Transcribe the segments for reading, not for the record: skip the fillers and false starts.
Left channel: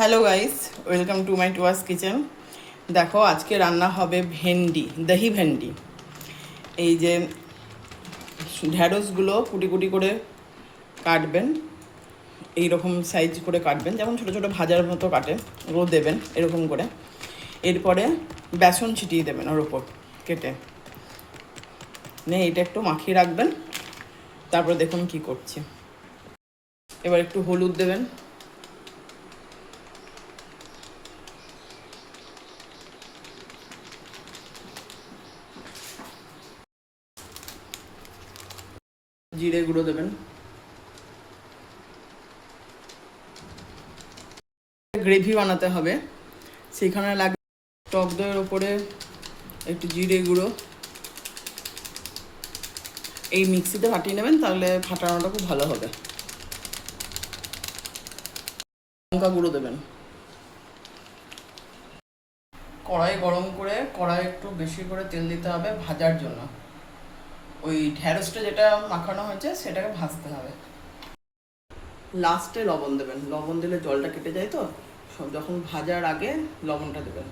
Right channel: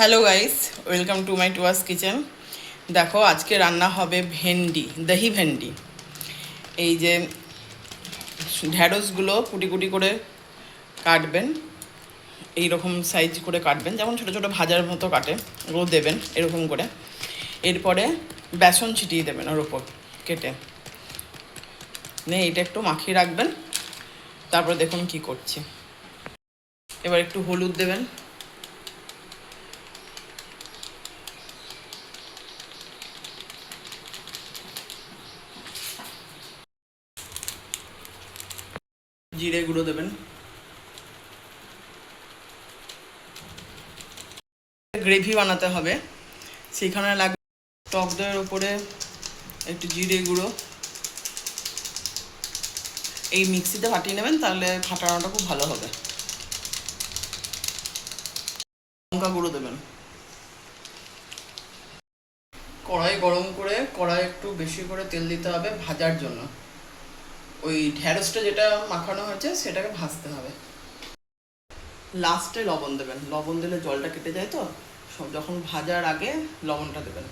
Hello guys, welcome to my Tuya's কিচেন। দেখো আজকে রান্না হবে ভেন্ডি, দহি ভেন্ডি। এই যে ঢ্যাঁড়সগুলো কুটি কুটি করে কাটবেন, এই রকম সাইজ করে কাটবেন, যেমন ছোটো ছোটো ভাজার মতো কাটে, ওগুলো দেবেন এরকম করে। এরপরে বেসন ছিটিয়ে দেবেন ওর ওপর কেটে এটা একটু মাখিয়ে রাখবেন। তারপর দেখুন কি করছি। এবার একটু হলুদ দেবেন, জিরে গুঁড়ো দেবেন, গ্রেভি বানাতে হবে সেইখানে লাগবে টক দইয়ের ওপরে একটু জিরে গুঁড়ো। এই মিক্সিতে ফাটিয়ে নেবেন, তাহলে ফাটানোটা খুব ভালো হবে। লঙ্কা গুঁড়ো দেবেন। কড়াই গরম করে কড়াই একটু বেশি করে তেল দিতে হবে ভাজার জন্য। ওই ঢ্যাঁড়সটা যেটা মাখানো হয়েছে সেটাকে ভাজতে হবে। লাস্টে লবণ দেবেন, লবণ দিলে জলটা কেটে যায়, তো যখন ভাজার আগে লবণটা দেবেন।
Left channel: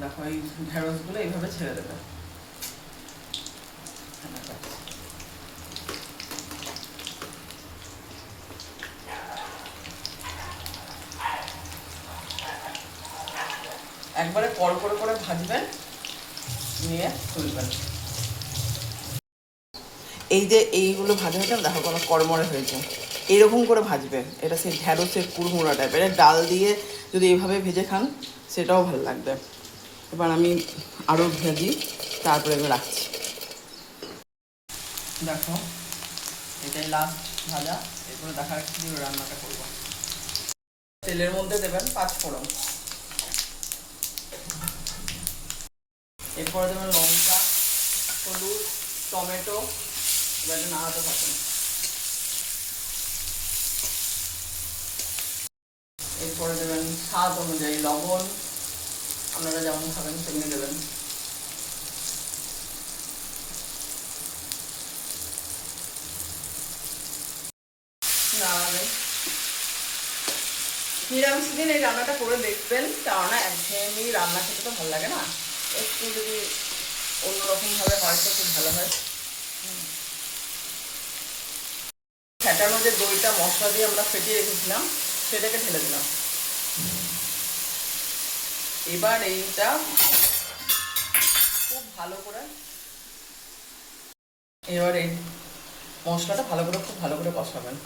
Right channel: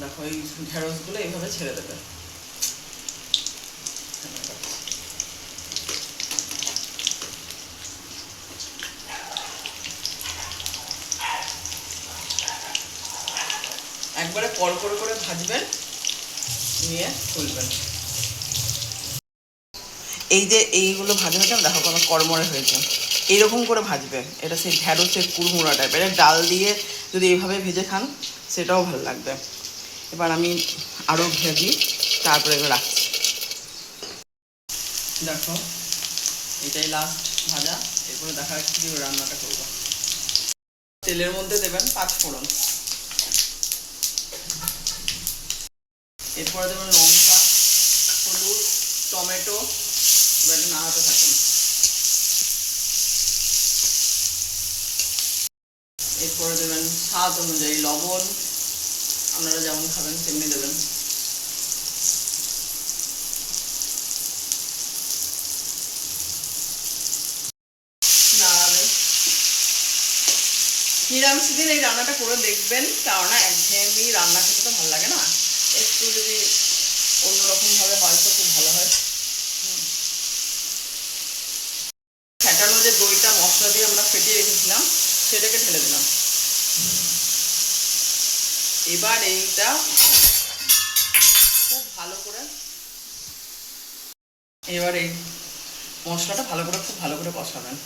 দেখো এই ঢ্যাঁড়সগুলো এইভাবে ছেড়ে দেবে। একবারে কড়কড় করে ভাজবেন, নিয়ে তুলবেন। এই যে এইগুলো ভাজা হয়েছে, দেখো কোনো কড়মড়ে হয়েছে, এইরকম করে ভাজবেন। এটা সেই ঢ্যাঁড়সের কুড়মুড়া টাইপের, ডাল দিয়ে যদি এইভাবে ভেজে খান সেটাও ভালো লাগবে। এবার আমি আরও ভেজি, তারপরে এবার রাখছি। দেখো এটাই লাস্ট ভাজা। এরপরে দেখা যাচ্ছে কি রান্নাটা করবো। তেলের মধ্যে দেবেন 5 ফোড়ন, এরপরে দেবেন লঙ্কা, হলুদ, টমেটো। এবার নাড়াতে থাকুন। এরপরে দেবেন স্বাদ অনুযায়ী লবণ, আপনারা যেমন খাবেন তেমনি দেবেন। নাড়াবেন। নিরামিষ দিন এই রান্নাটা করে দেখবেন, কেননা একঘেয়েমি রান্না খেতে তো ভালো লাগে না, একটু যদি অন্যরকমভাবে হয় তো খুব ভালো হয়। ফেটানো যে দইটা মশলা দিয়ে আমরা ফেটিয়ে রেখেছিলাম সেটাকে ঢেলে দিলাম। এবার এইটা খুব ভালো করে, এবার এই মশলাটা ভালো করে খুব ভালো করে কষাবেন।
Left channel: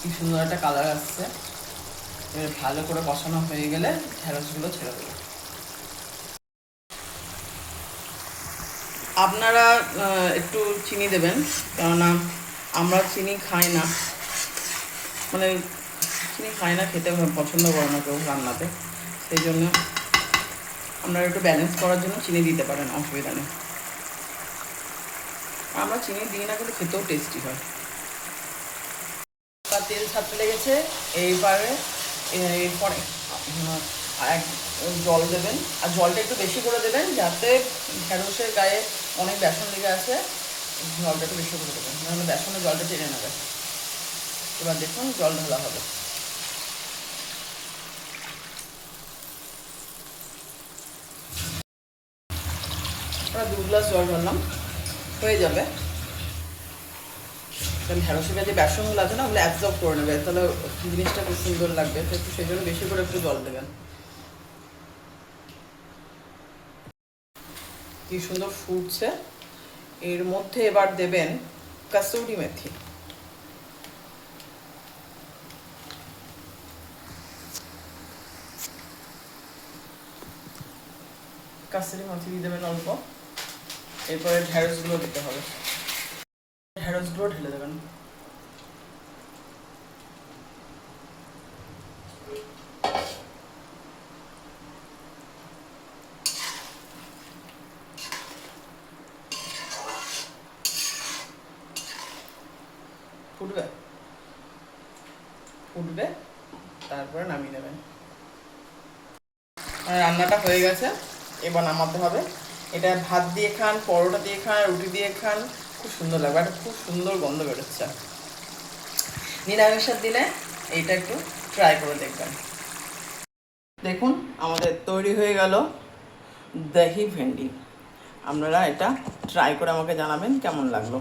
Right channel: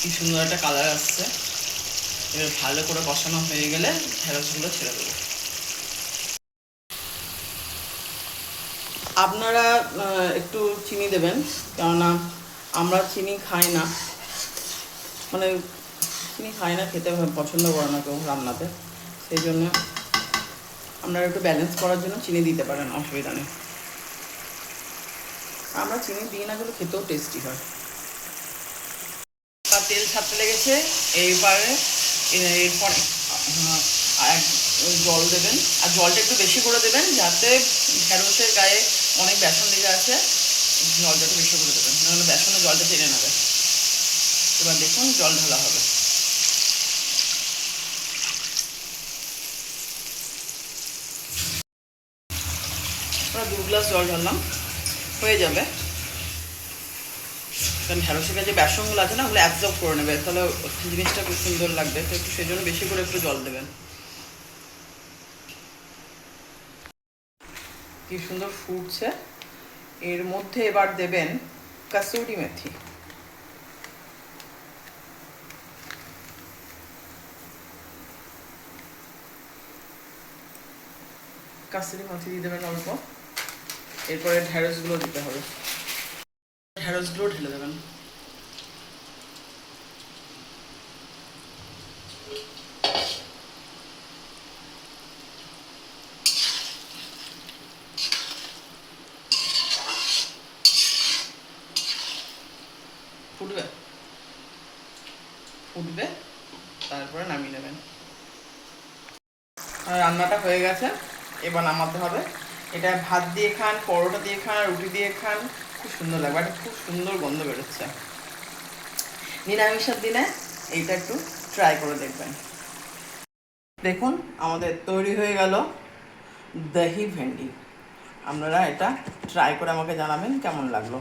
কি সুন্দর একটা কালার আসছে। এবার ভালো করে কষানো হয়ে গেলে ঢ্যাঁড়সগুলো ছেড়ে দেবো। আপনারা একটু চিনি দেবেন, কেননা আমরা চিনি খাই না, মানে চিনি খাই না, খেতে পছন্দ করে না কেউ রান্নাতে। সেই জন্য আপনারা একটু ব্যালেন্স করার জন্য চিনি দিতে পারেন, অসুবিধা নেই। আমরা চিনি দিই না, কিন্তু খেতেও টেস্টি হয়। তেল ছাড়তে লেগেছে, এইবারে এরপর জল দেবেন, আর জলটা একটু বেশি করে দেবেন, যাতে ঢ্যাঁড়সের গায়ে অনেক বেসন লেগে আছে, জলটা একটু বেশি করে দেবেন, নাহলে বেসনে জলটা টেনে নেবে। এবার দেখুন জল ঢালা হবে। আমরা 2 গ্লাস জল ঢাললাম, হয়ে যাবে। কারণ ঢ্যাঁড়সের গায়ে যে বেসনগুলো আছে না, ওগুলো অ্যাবজর্ব করে নেবে, তাহলে জিনিসটা খুব সুন্দর লাগবে। তো একটু সেই জন্য বেশি করে একটু জল দেবেন। কি সুন্দর ফুটছে। এর মধ্যে এবার দেবেন কাসুরি মেথি। কাসুরি মেথি দিয়ে দেবেন অল্প। এরপরে ঢ্যাঁড়সগুলো দিতে হবে, ঢ্যাঁড়সগুলো ঢেলে দেবেন। ফুটবে, ফুটবে, তারপরে নামিয়ে নেবেন। রান্নাটা হয়ে গেছে, এবার নামাতে হবে। এটা ভাত দিয়ে খান, পরোটা দিয়ে খান, রুটি দিয়ে খান, খুব সুন্দর লাগবে। একটা খুব সুন্দর গন্ধ বেরোচ্ছে। নিরামিষের দিনে এইটা একটু ট্রাই করে দেখবেন। দেখুন আমাদের তৈরি হয়ে গেল দহি ভেন্ডি। আপনারা এটা ট্রাই করে আমাকে জানাবেন কেমন লাগলো।